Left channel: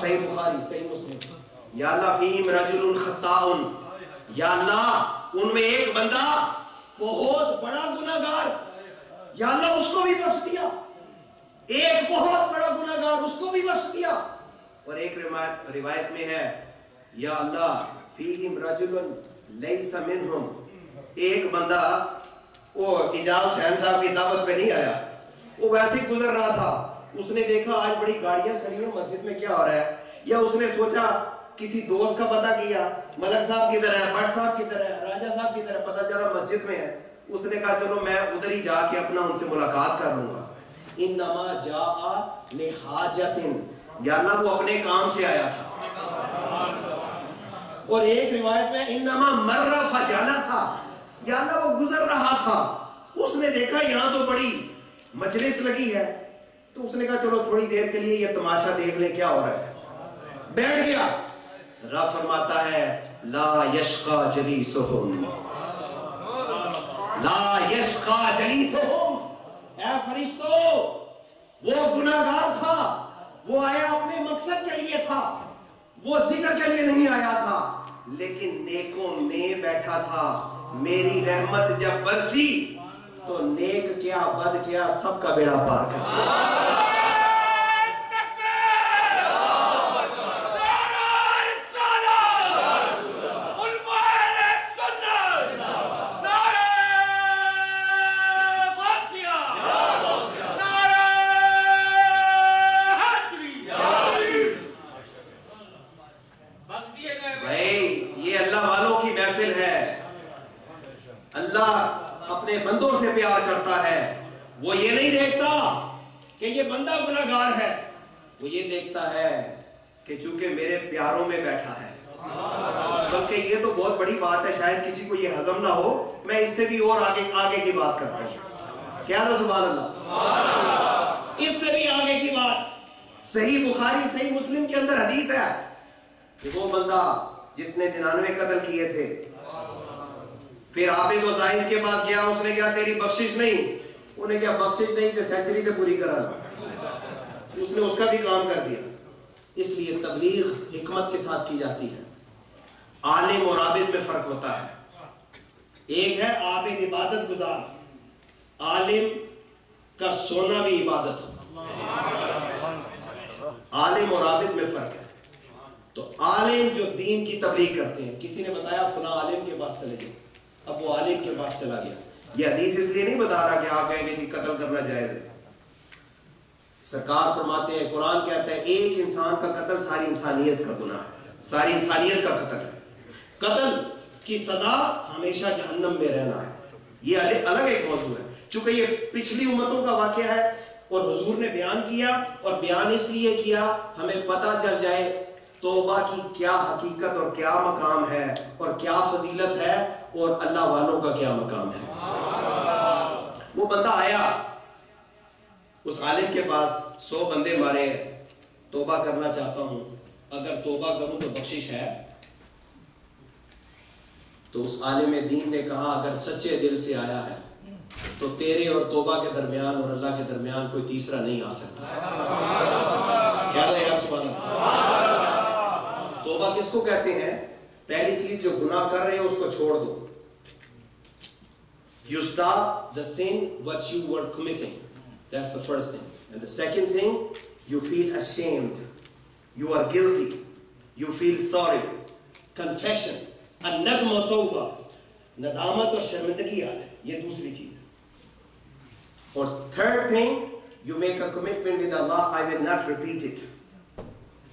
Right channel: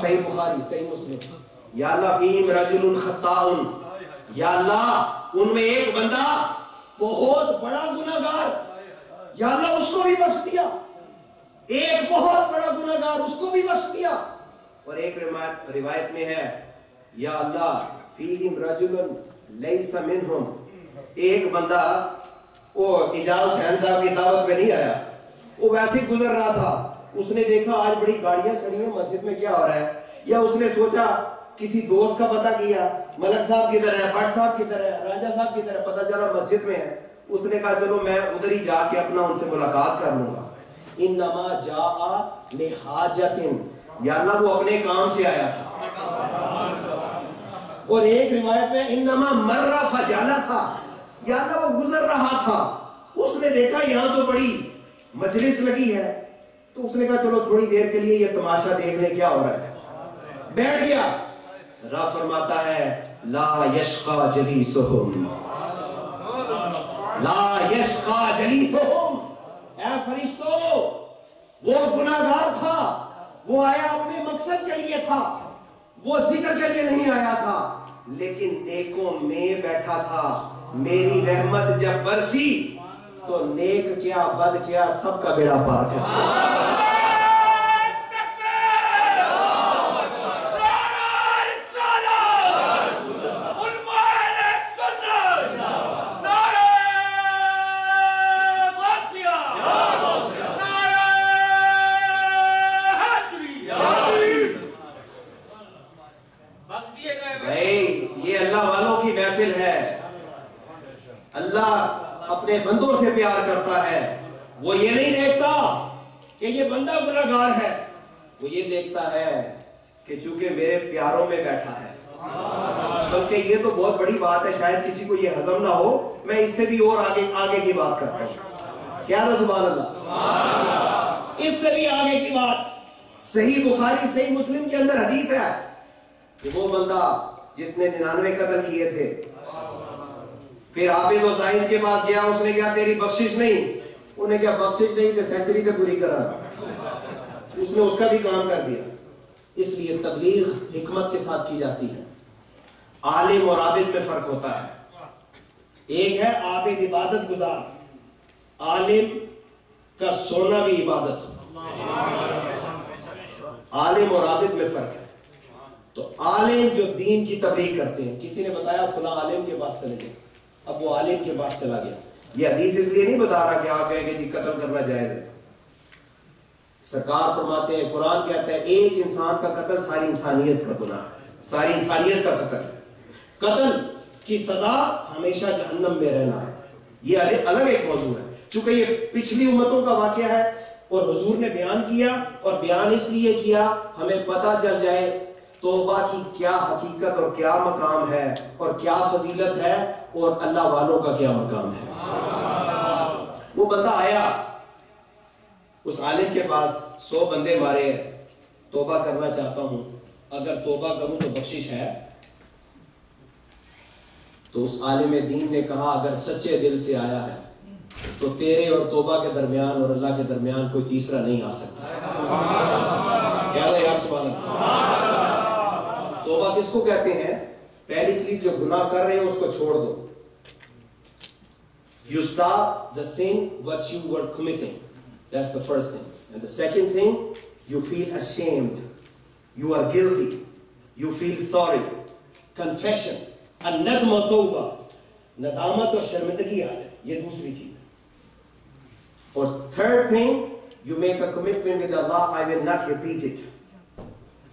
صحیح بخاری صحیح مسلم. یا اللہ فیہم رجل خطاء، یا اللہ ان میں ایک بندہ بہت بڑا گناہگار، یا اللہ اس کو بھی بخش دیا. ایک بہت بڑا گناہگار، اس کو بھی بخش دیا. اور ایک روایت میں ہے یا اللہ فیہم رجل لیس منہم، ایک بندہ وہ اعجاز حسین صاحب کی دعوت پہ نہیں آیا، وہ ویسے گزر رہا تھا، اس نے دیکھا آج بڑی گاڑیاں کھڑی ہیں مسجد میں، کیا ہو رہا ہے؟ یا اس نے سوچا کسی دوست کا پتہ کیا، ملک صاحب کی طرح، بٹ صاحب کی طرح، راجہ صاحب کی طرح، پتہ چلا مسجد میں ہے. اس نے کہا چلو میں ادھر ہی جا کے اپنا ان سے ملاقات کر لوں گا. انما جاء لحاجت، یا اللہ وہ اپنے کام سے آیا تھا. اور ایک روایت میں انما مر فجلس، یا اللہ وہ گزر رہا تھا، اس نے دیکھا یہاں تو بڑی مجلس لگی ہے، تو اس نے کہا چلو تھوڑی دیر کے لیے یہ تماشا دیکھ لیں کیا ہو رہا ہے. بیٹھ گیا. رب فرماتا ہے لا یشقا جلیسہم، لا یشقا جلیسہم. اے فرشتو، وہ گناہگار تھا، وہ آیا اپنے مقصد کے لیے تھا، وہ ذکر کے لیے نہیں آیا تھا، لیکن نیکوں میں بیٹھا تھا. میری رحمت جب برسی تو نیک کیا بد کیا سب کا بیڑا پار کر دیا. اللہ اپنے بندوں سے پیار کرتا ہے. وہ یہ نہیں دیکھتا کہ یہ بندہ گناہگار ہے، وہ یہ دیکھتا ہے کہ چونکہ میرے پیاروں میں بیٹھا ہے. بلکہ یہ تو بہت بڑی بات ہے، شاید کسی کو یہ ہضم نہ ہو، میں اس سے بھی اور آگے کی بات کرتا ہوں. کیا تھا؟ سبحان اللہ. اس سے بھی آگے کی بات صحیح بخاری صحیح مسلم کے اندر حدیث ہے کہ وہ بندہ جس نے 99 قتل کیے تھے، پھر عابد و زاہد کے پاس گیا، اس نے کہا تیری بخشش نہیں، انہیں کہا بخشش نہیں کہ سینچری تے پوری کرا. اس نے اس کا بھی کام کر دیا. اس لیے تبلیغ حکمت کے ساتھ کی جاتی ہے. عالم اور عابد میں فرق ہوتا ہے. ایک ہے عابد عبادت گزار، عالم کا سونا بھی عبادت ہو. عالم اور عابد میں فرق ہے. تو عالم جو دین کی تبلیغ کرتے ہیں، کسی نے بتایا فلاں عالم کے پاس چلے گئے، اب وہ عالم کے پاس چلا گیا. یہ حدیث اس لیے نہیں بتا رہا کہ آپ کہیں گے کہ قتل کرنا جائز ہے. سرکار فرماتے ہیں، قرآن کہتا ہے ایک انسان کا قتل ساری انسانیت کا گناہ ہے، ساری انسانیت کا قتل ہے. قتل کی سزا ہمیشہ جہنم میں رہنا ہے. یہ الگ ایک موضوع ہے، چونکہ یہ پچھلی امتوں کا واقعہ ہے اور حضور نے بیان کیا، اور بیان اس لیے کیا ہمیں پتہ چل جائے توبہ کی کیا حقیقت اور کیا مقام ہے اور کیا فضیلت ہے اور اللہ والوں کا کیا مقام ہے. وہ بندہ آیا اس عالم کے پاس، 100 بندے مارے ہیں، توبہ کرنا چاہتا ہوں، اگر توبہ کروں تو بخشش ہے؟ تو اس عالم دین نے کہا اگر سچے دل سے آیا ہے تو تیرے اور توبہ کے درمیان اور اللہ کے درمیان کوئی تیسرا نہیں آ سکتا. کیا ہے یار؟ سبحان اللہ. توبہ کس کو کہتے ہیں؟ پہلی چیز جو گناہ کر رہے ہو اس کو چھوڑ دو. You stop the sin what you were committing. That's the first thing. And the second thing, you feel ashamed. You are guilty. You feel sorry. Confession. الندم و توبہ، ندامت اور شرمندگی آ ہے، یہ دوسری چیز ہے. اور third thing, you make a commitment with Allah, I will not repeat it.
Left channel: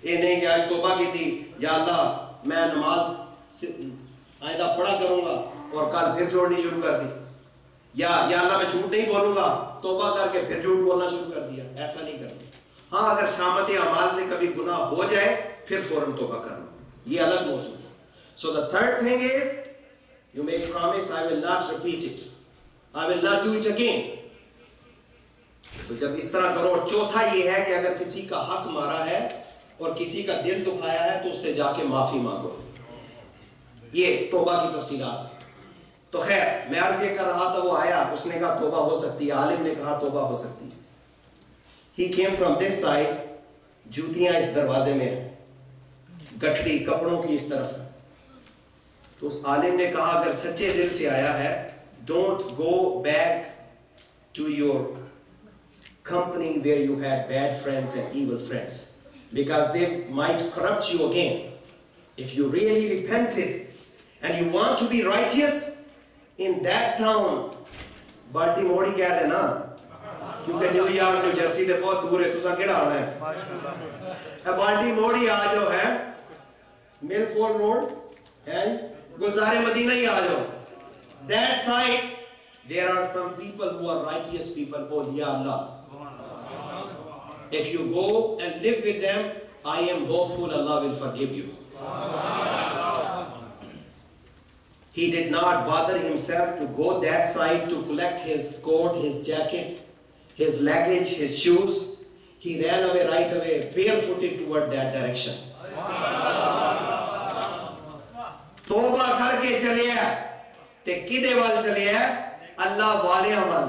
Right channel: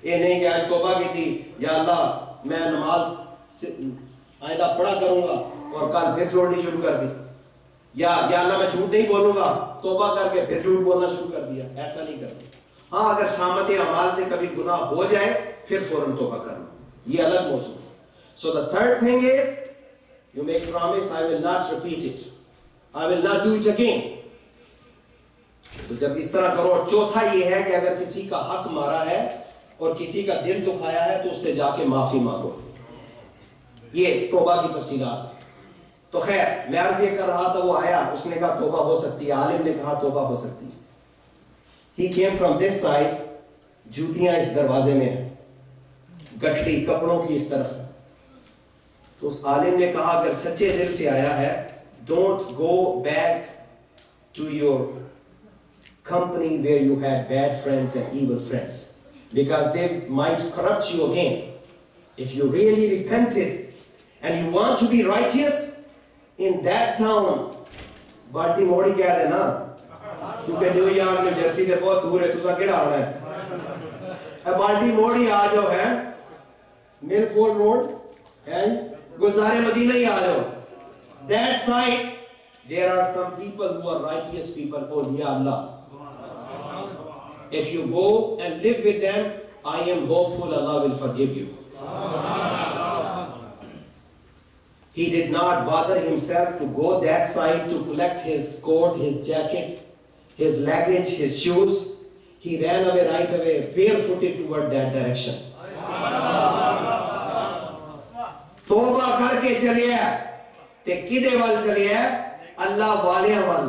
یہ نہیں کہ آج توبہ کی تھی، یا اللہ میں نماز آئندہ پڑھا کروں گا اور کل پھر چھوڑنی شروع کر دی، یا اللہ میں جھوٹ نہیں بولوں گا، توبہ کر کے پھر جھوٹ بولنا شروع کر دیا. ایسا نہیں کرنا. ہاں اگر شامت اعمال سے کبھی گناہ ہو جائے پھر فوراً توبہ کرنا، یہ الگ موضوع ہے. So the third thing is, you make promise, I will not repeat it. I will not do it again. تو جب اس طرح کرو. اور چوتھا یہ ہے کہ اگر کسی کا حق مارا ہے اور کسی کا دل دکھایا ہے تو اس سے جا کے معافی مانگو. یہ توبہ کی تفصیلات. تو خیر میں عرض یہ کر رہا تھا، وہ آیا، اس نے کہا توبہ ہو سکتی ہے. عالم نے کہا توبہ ہو سکتی ہے. He came from this side جوتیاں اس دروازے میں ہیں, گٹھڑی کپڑوں کی اس طرف. تو اس عالم نے کہا اگر سچے دل سے آیا ہے, don't go back to your company where you had bad friends and evil friends, because they might corrupt you again. If you really repented and you want to be righteous in that town, Baltimore ہی کہہ دینا, کیونکہ New York New Jersey دے بہت دور ہے, تسا کیڑا آنا ہے, بالٹیمور ہی آ جو ہے, ملفورڈ روڈ ہے, گلزار مدینہ ہی آ جاؤ. That side there are some people who are righteous people. Oh ya Allah, if you go and live with them, I am hopeful Allah will forgive you. He did not bother himself to go that side to collect his coat, his jacket, his luggage, his shoes. He ran away right away, barefooted toward that direction. توبہ کر کے چلے تے کدے وال چلے اللہ والیاں وال.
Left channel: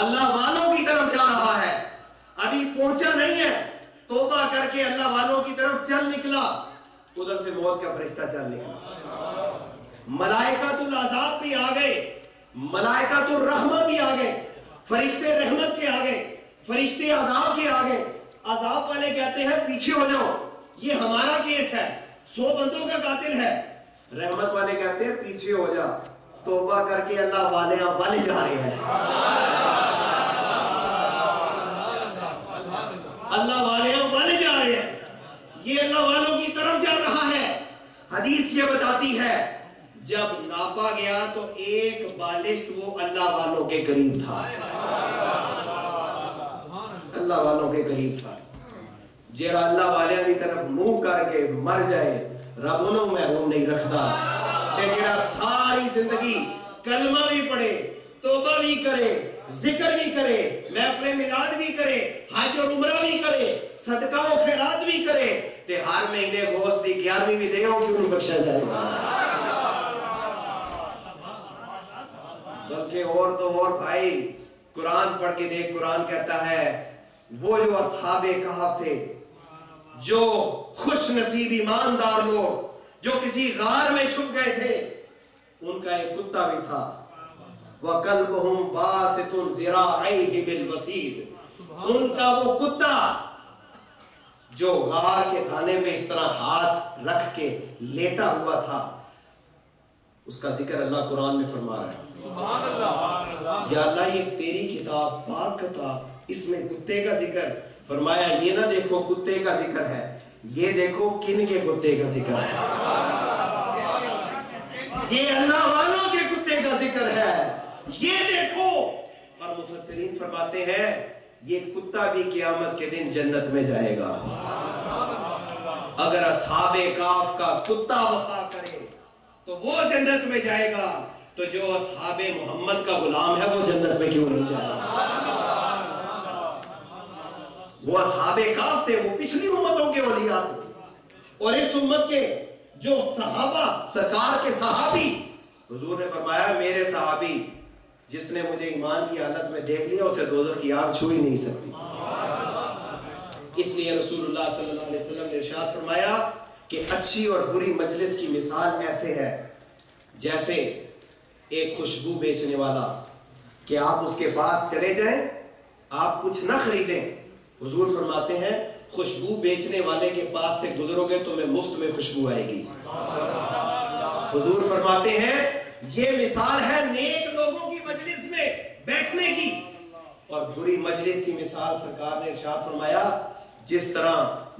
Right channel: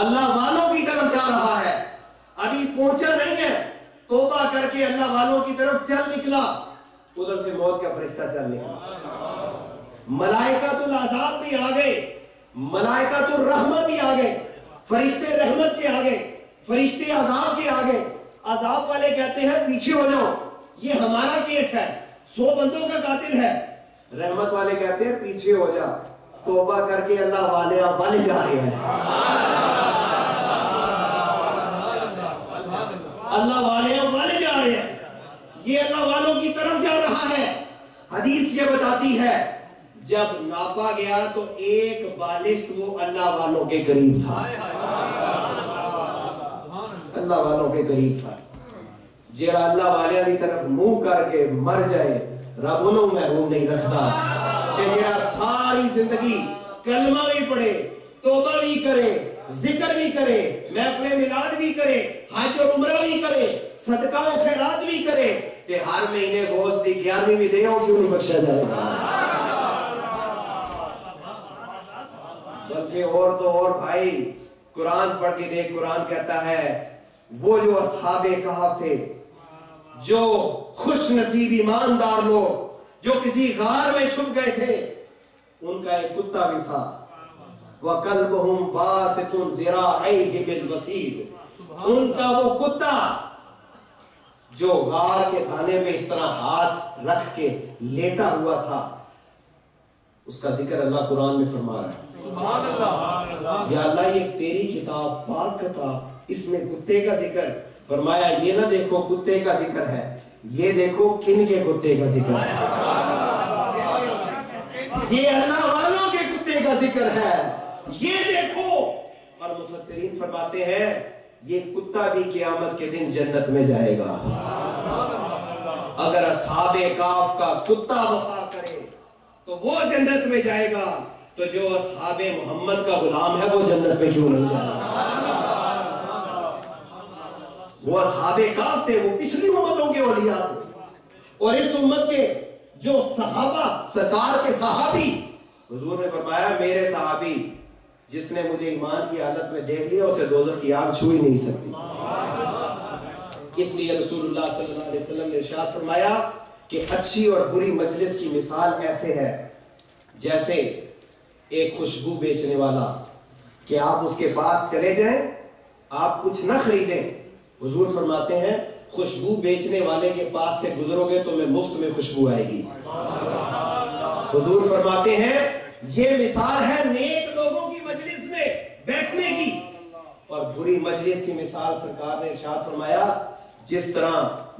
اللہ والوں کی طرف جا رہا ہے, ابھی پہنچا نہیں ہے, توبہ کر کے اللہ والوں کی طرف چل نکلا. ادھر سے موت کا فرشتہ چل نکلا, ملائکۃ العذاب بھی آ گئے, ملائکۃ الرحمہ بھی آ گئے, فرشتے رحمت کے آ گئے, فرشتے عذاب کے آ گئے. عذاب والے کہتے ہیں پیچھے ہو جاؤ, یہ ہمارا کیس ہے, 100 بندوں کا قاتل ہے. رحمت والے کہتے ہیں پیچھے ہو جا, توبہ کر کے اللہ والے جا رہے ہیں, اللہ والے جا رہے ہیں, یہ اللہ والوں کی طرف جا رہا ہے. حدیث یہ بتاتی ہے جب ناپا گیا تو ایک بالشت وہ اللہ والوں کے قریب تھا, اللہ والوں کے قریب تھا. جہاں اللہ والے کی طرف منہ کر کے مر جائے رب انہوں محروم نہیں رکھتا. جہاں ساری زندگی کلمہ بھی پڑھے, توبہ بھی کرے, ذکر بھی کرے, محفل میلاد بھی کرے, حج اور عمرہ بھی کرے, صدقہ و خیرات بھی کرے, تے ہر مہینے گوشت دی 11ویں بھی دے ہوں کیوں نہیں بخشا جائے گا. بلکہ اور تو اور بھائی قرآن پڑھ کے دیکھ, قرآن کہتا ہے وہ جو اصحاب کہف تھے, جو خوش نصیب ایماندار لوگ جو کسی غار میں چھپ گئے تھے, ان کا ایک کتا بھی تھا. وَقَلْبُهُمْ بَاسِطٌ ذِرَاعَيْهِ بِالْوَسِيدِ, ان کا وہ کتا جو غار کے دانے میں اس طرح ہاتھ رکھ کے لیٹا ہوا تھا, اس کا ذکر اللہ قرآن میں فرما رہا ہے. سبحان اللہ, یا اللہ یہ تیری کتاب پاک کتاب, اس میں کتے کا ذکر فرمایا. یہ نہ دیکھو کتے کا ذکر ہے, یہ دیکھو کن کے کتے کا ذکر ہے, یہ اللہ والوں کے کتے کا ذکر ہے, یہ دیکھو. اور مفسرین فرماتے ہیں یہ کتا بھی قیامت کے دن جنت میں جائے گا. اگر اصحاب کہف کا کتا وفا کرے تو وہ جنت میں جائے گا, تو جو اصحاب محمد کا غلام ہے وہ جنت میں کیوں نہیں جائے گا. وہ اصحاب کہف تھے, وہ پچھلی امتوں کے اولیاء تھے, اور اس امت کے جو صحابہ, سرکار کے صحابی, حضور نے فرمایا میرے صحابی جس نے مجھے ایمان کی حالت میں دیکھ لیا اسے دوزخ کی آگ چھو ہی نہیں سکتی. اس لیے رسول اللہ صلی اللہ علیہ وسلم نے ارشاد فرمایا کہ اچھی اور بری مجلس کی مثال ایسے ہے جیسے ایک خوشبو بیچنے والا, کہ آپ اس کے پاس چلے جائیں, آپ کچھ نہ خریدیں, حضور فرماتے ہیں خوشبو بیچنے والے کے پاس سے گزرو گے تو میں مفت میں خوشبو آئے گی. حضور فرماتے ہیں یہ مثال ہے نیک لوگوں کی مجلس میں بیٹھنے کی, اور بری مجلس کی مثال سرکار نے ارشاد فرمایا جس طرح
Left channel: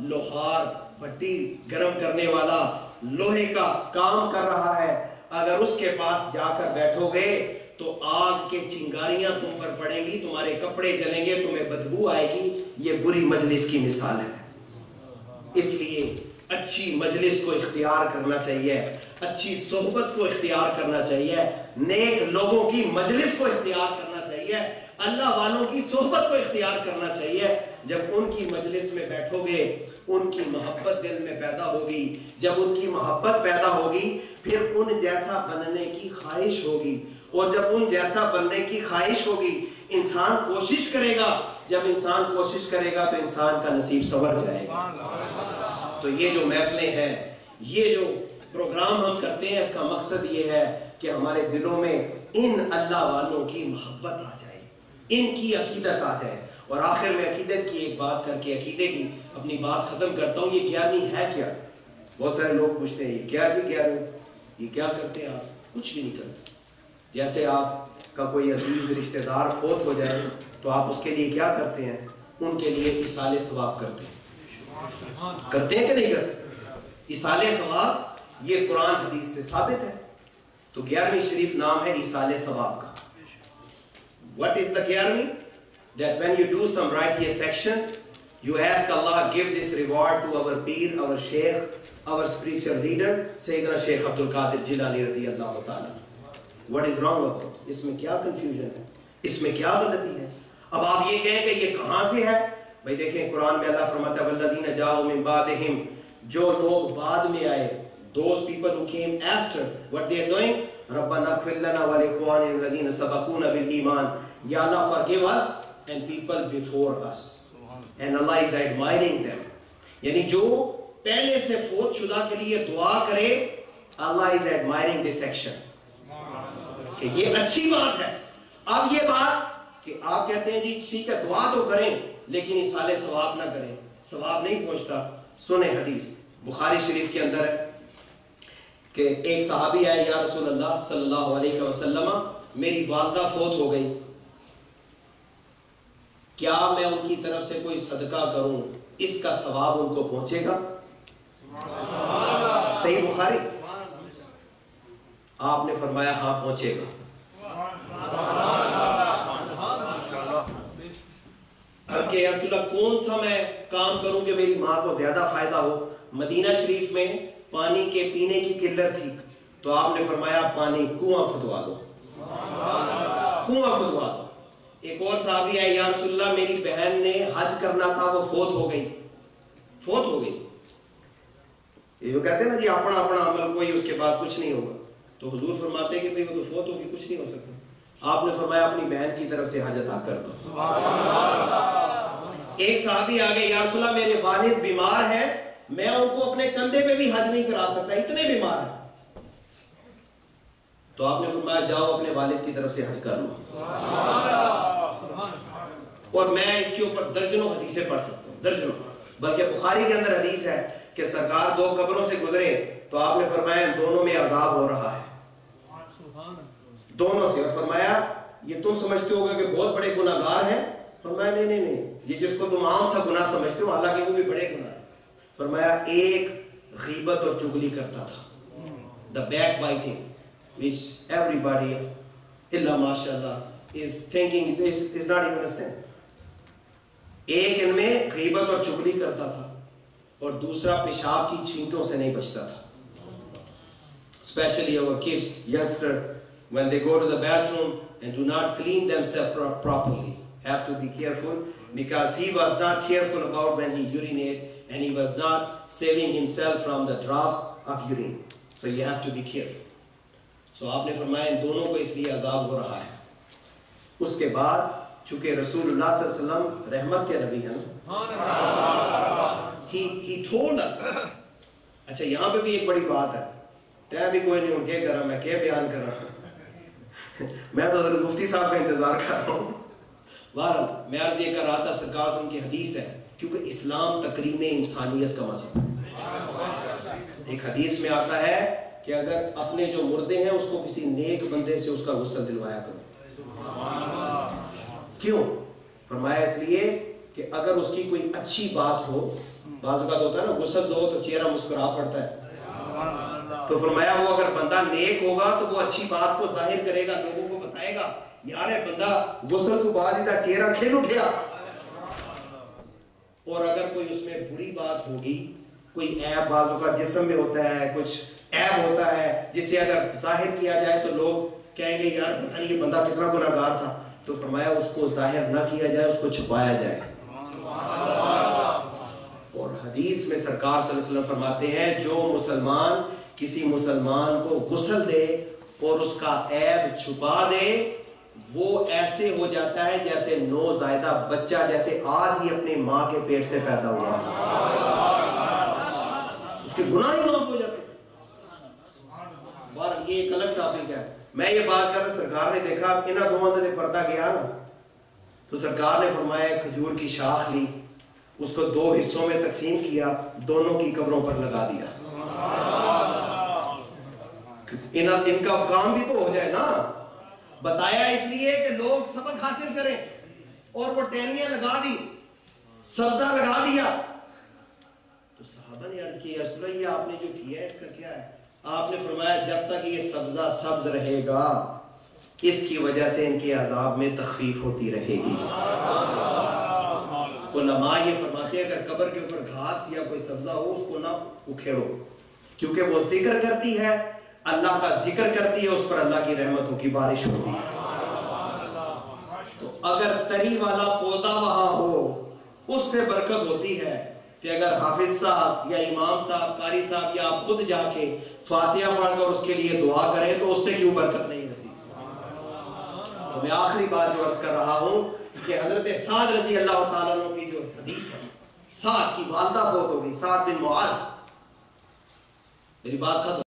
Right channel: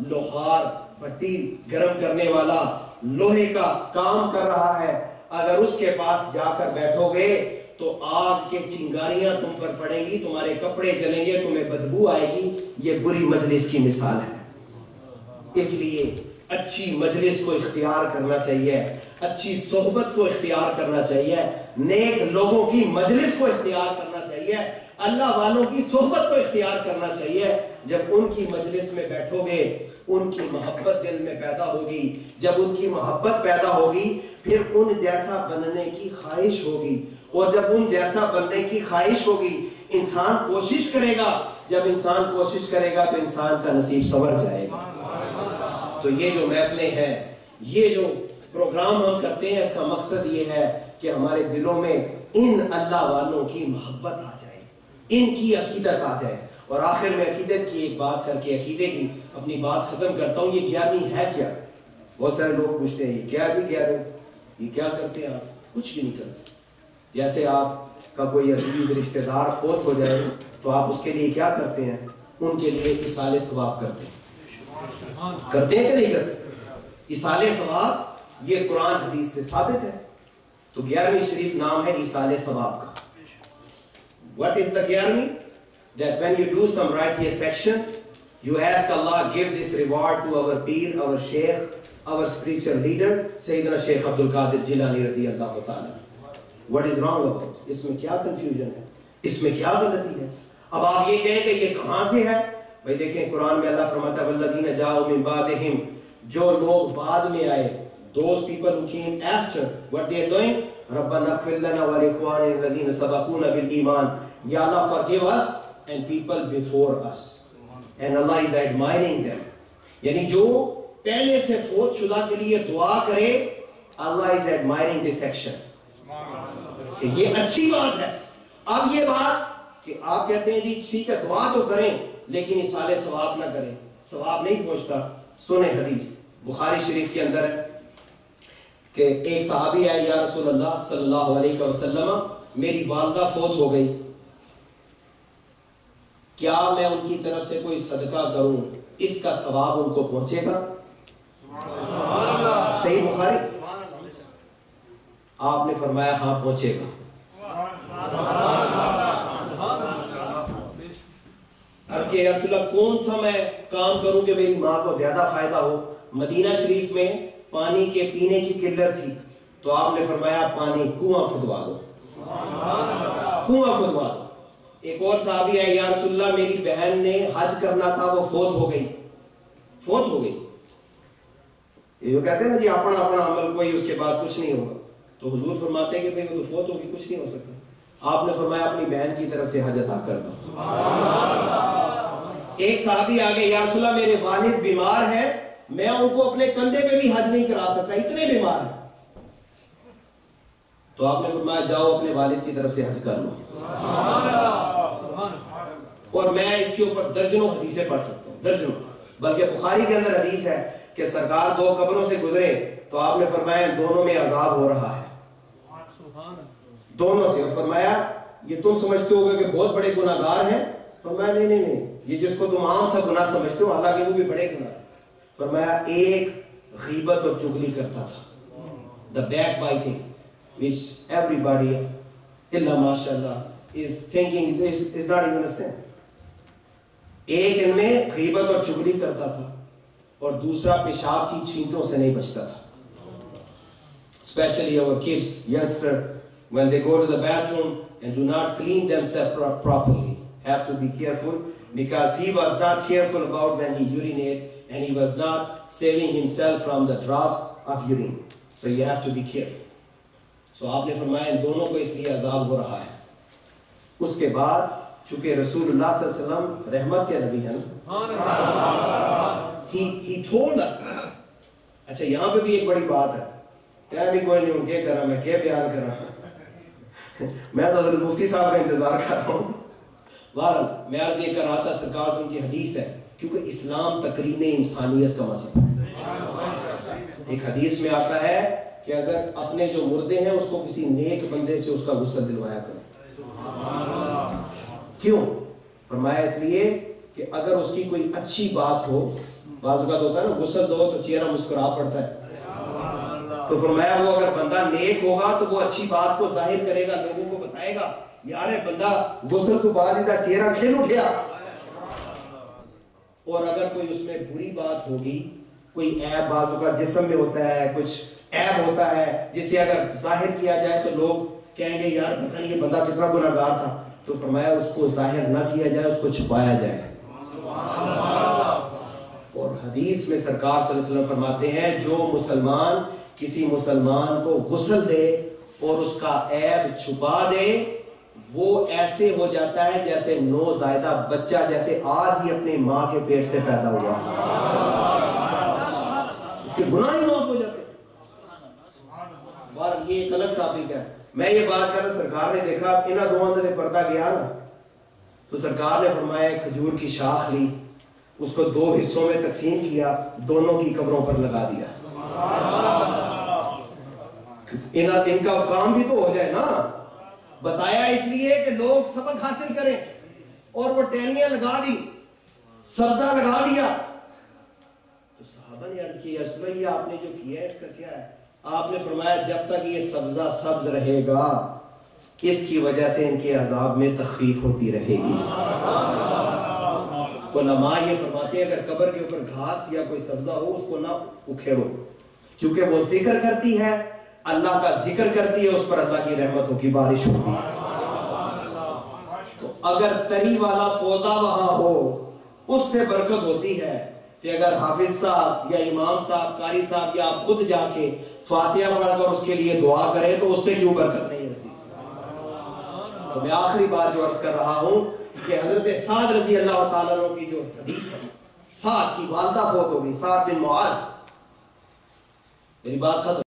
لوہار بھٹی گرم کرنے والا لوہے کا کام کر رہا ہے, اگر اس کے پاس جا کر بیٹھو گے تو آگ کے چنگاریاں تم پر پڑیں گی, تمہارے کپڑے جلیں گے, تمہیں بدبو آئے گی. یہ بری مجلس کی مثال ہے. اس لیے اچھی مجلس کو اختیار کرنا چاہیے, اچھی صحبت کو اختیار کرنا چاہیے, نیک لوگوں کی مجلس کو اختیار کرنا چاہیے, اللہ والوں کی صحبت کو اختیار کرنا چاہیے. جب ان کی مجلس میں بیٹھو گے ان کی محبت دل میں پیدا ہوگی, جب ان کی محبت پیدا ہوگی پھر ان جیسا بننے کی خواہش ہوگی, اور جب ان جیسا بننے کی خواہش ہوگی انسان کوشش کرے گا. جب انسان کوشش کرے گا تو انسان کا نصیب سنور جائے گا. تو یہ جو محفلیں ہیں, یہ جو پروگرام ہم کرتے ہیں, اس کا مقصد یہ ہے کہ ہمارے دلوں میں ان اللہ والوں کی محبت آ جائے, ان کی عقیدت آ جائے. اور آخر میں عقیدت کی ایک بات کر کے عقیدے کی اپنی بات ختم کرتا ہوں. یہ 11ویں ہے کیا؟ بہت سارے لوگ پوچھتے ہیں یہ کیا جی 11ویں, یہ کیا کرتے ہیں آپ؟ کچھ بھی نہیں کرتے. جیسے آپ کا کوئی عزیز رشتہ دار فوت ہو جائے تو آپ اس کے لیے کیا کرتے ہیں؟ ان کے لیے ایصال ثواب کرتے ہیں. کرتے ہیں کہ نہیں کرتے؟ ایصال ثواب یہ قرآن حدیث سے ثابت ہے. تو 11ویں شریف نام ہے ایصال ثواب کا. What is the 11ویں? That when you do some righteous action, you ask Allah, give this reward to our peer, our sheikh, our spiritual leader, Sayyidina Sheikh Abdul Qadir Jilani radiyallahu ta'ala. What is wrong about it? اس میں کیا confusion ہے, اس میں کیا غلطی ہے؟ اب آپ یہ کہیں کہ یہ کہاں سے ہے؟ بھائی دیکھیں قرآن میں اللہ فرماتا ہے وَالَّذِينَ جَاءُوا مِن بَعْدِهِمْ, جو لوگ بعد میں آئے, those people who came after, what they are doing, رَبَّنَا اغْفِرْ لَنَا وَلِإِخْوَانِنَا الَّذِينَ سَبَقُونَا بِالْإِيمَانِ, Ya Allah forgive us and people before us. And Allah is admiring them. یعنی جو پہلے سے فوت شدہ کے لیے دعا کرے, Allah is admiring this action. کہ یہ اچھی بات ہے. اب یہ بات کہ آپ کہتے ہیں جی ٹھیک ہے دعا تو کریں لیکن ایصال ثواب نہ کریں, ثواب نہیں پہنچتا. سنیں حدیث بخاری شریف کے اندر ہے کہ ایک صحابی آئے, یا رسول اللہ صلی اللہ علیہ وسلم, میری والدہ فوت ہو گئی, کیا میں ان کی طرف سے کوئی صدقہ کروں, اس کا ثواب ان کو پہنچے گا؟ صحیح بخاری. آپ نے فرمایا ہاں پہنچے گا. عرض کہ یا رسول اللہ کون سا میں کام کروں کہ میری ماں کو زیادہ فائدہ ہو؟ مدینہ شریف میں پانی کے پینے کی قلت تھی تو آپ نے فرمایا پانی کنواں کھدوا دو, کنواں کھدوا دو. ایک اور صحابی آئے, یا رسول اللہ میری بہن نے حج کرنا تھا وہ فوت ہو گئی, فوت ہو گئی. یہ جو کہتے ہیں نا جی اپنا اپنا عمل کوئی اس کے بعد کچھ نہیں ہوگا, تو حضور فرماتے ہیں کہ بھئی وہ تو فوت ہوگی, کچھ نہیں ہو سکتا. آپ نے فرمایا اپنی بہن کی طرف سے حج ادا کر دو. ایک صحابی آگے, یا رسول اللہ میرے والد بیمار ہیں, میں ان کو اپنے کندھے پہ بھی حج نہیں کرا سکتا, اتنے بیمار ہیں. تو آپ نے فرمایا جاؤ اپنے والد کی طرف سے حج کر لو. اور میں اس کے اوپر درجنوں حدیثیں پڑھ سکتا ہوں, درجنوں. بلکہ بخاری کے اندر حدیث ہے کہ سرکار دو قبروں سے گزرے تو آپ نے فرمایا دونوں میں عذاب ہو رہا ہے, دونوں سے. اور فرمایا یہ تم سمجھتے ہوگے کہ بہت بڑے گناہگار ہیں؟ فرمایا نہیں نہیں نہیں, یہ جس کو تم عام سا گناہ سمجھتے ہو حالانکہ وہ بھی بڑے گناہ ہیں. فرمایا ایک غیبت اور چغلی کرتا تھا, the backbiting, which everybody illa mashallah is thinking this is not even a sin. ایک ان میں غیبت اور چغلی کرتا تھا اور دوسرا پیشاب کی چھینٹوں سے نہیں بچتا تھا. Especially our kids, youngster, when they go to the bathroom and do not clean themselves properly, have to be careful because he was not careful about when he urinated and he was not saving himself from the drops of urine. So you have to be careful. So آپ نے فرمایا ان دونوں کو اس لیے عذاب ہو رہا ہے. اس کے بعد چونکہ رسول اللہ صلی اللہ علیہ وسلم رحمت کے نبی ہیں نا, he told us. اچھا یہاں پہ بھی ایک بڑی بات ہے, ٹائم بھی کوئی نہیں, ان کے کر رہا میں کیا بیان کر رہا ہوں, میں تو حضرت مفتی صاحب کا انتظار کر رہا ہوں. بہرحال میں آج یہ کر رہا تھا, سرکار سے ان کی حدیث ہے کیونکہ اسلام تکریم انسانیت کا مذہب ہے. ایک حدیث میں آتا ہے کہ اگر اپنے جو مردے ہیں اس کو کسی نیک بندے سے اس کا غسل دلوایا کرو. کیوں؟ فرمایا اس لیے کہ اگر اس کی کوئی اچھی بات ہو, بعض اوقات ہوتا ہے نا غسل دو تو چہرہ مسکرا پڑتا ہے, تو فرمایا وہ اگر بندہ نیک ہوگا تو وہ اچھی بات کو ظاہر کرے گا, لوگوں کو بتائے گا یار بندہ غسل تو بعد ادھر چہرہ کھل اٹھیا. اور اگر کوئی اس میں بری بات ہوگی, کوئی عیب بعض اوقات جسم میں ہوتا ہے, کچھ عیب ہوتا ہے جس سے اگر ظاہر کیا جائے تو لوگ کہیں گے یار پتہ نہیں یہ بندہ کتنا گناہگار تھا, تو فرمایا اس کو ظاہر نہ کیا جائے, اس کو چھپایا جائے. اور حدیث میں سرکار صلی اللہ علیہ وسلم فرماتے ہیں جو مسلمان کسی مسلمان کو غسل دے اور اس کا عیب چھپا دے وہ ایسے ہو جاتا ہے جیسے نوزائیدہ بچہ جیسے آج ہی اپنی ماں کے پیٹ سے پیدا ہوا ہے، اس کے گناہ ہی معاف ہو جاتے ہیں۔ اور یہ ایک الگ ٹاپک ہے۔ میں یہ بات کر رہا، سرکار نے دیکھا انہاں دو اندر پردہ گیا نا، تو سرکار نے فرمایا کھجور کی شاخ لی، اس کو دو حصوں میں تقسیم کیا، دونوں کی قبروں پر لگا دیا۔ ان کا کام بھی تو ہو جائے نا، بتایا اس لیے کہ لوگ سبق حاصل کریں، اور وہ ٹہنیاں لگا دی، سبزہ لگا دیا۔ تو صحابہ نے عرض کی یا رسول اللہ یہ آپ نے جو کیا ہے اس کا کیا ہے؟ آپ نے فرمایا جب تک یہ سبزہ سبز رہے گا اس کی وجہ سے ان کے عذاب میں تخفیف ہوتی رہے گی۔ علماء یہ فرماتے ہیں اگر قبر کے اوپر گھاس یا کوئی سبزہ ہو اس کو نہ اکھیڑو، کیونکہ وہ ذکر کرتی ہے، اللہ کا ذکر کرتی ہے، اس پر اللہ کی رحمتوں کی بارش ہوتی ہے۔ تو اگر تری والا پودا وہاں ہو اس سے برکت ہوتی ہے، کہ اگر حافظ صاحب یا امام صاحب، قاری صاحب یا آپ خود جا کے فاتحہ پڑھ کر اس کے لیے دعا کریں تو اس سے کیوں برکت نہیں ہوتی؟ تو میں آخری بات جو عرض کر رہا ہوں کہ حضرت سعد رضی اللہ تعالیٰ عنہ کی جو حدیث ہے، سعد کی والدہ فوت ہو گئی، سعد بن معاذ، میری بات ختم۔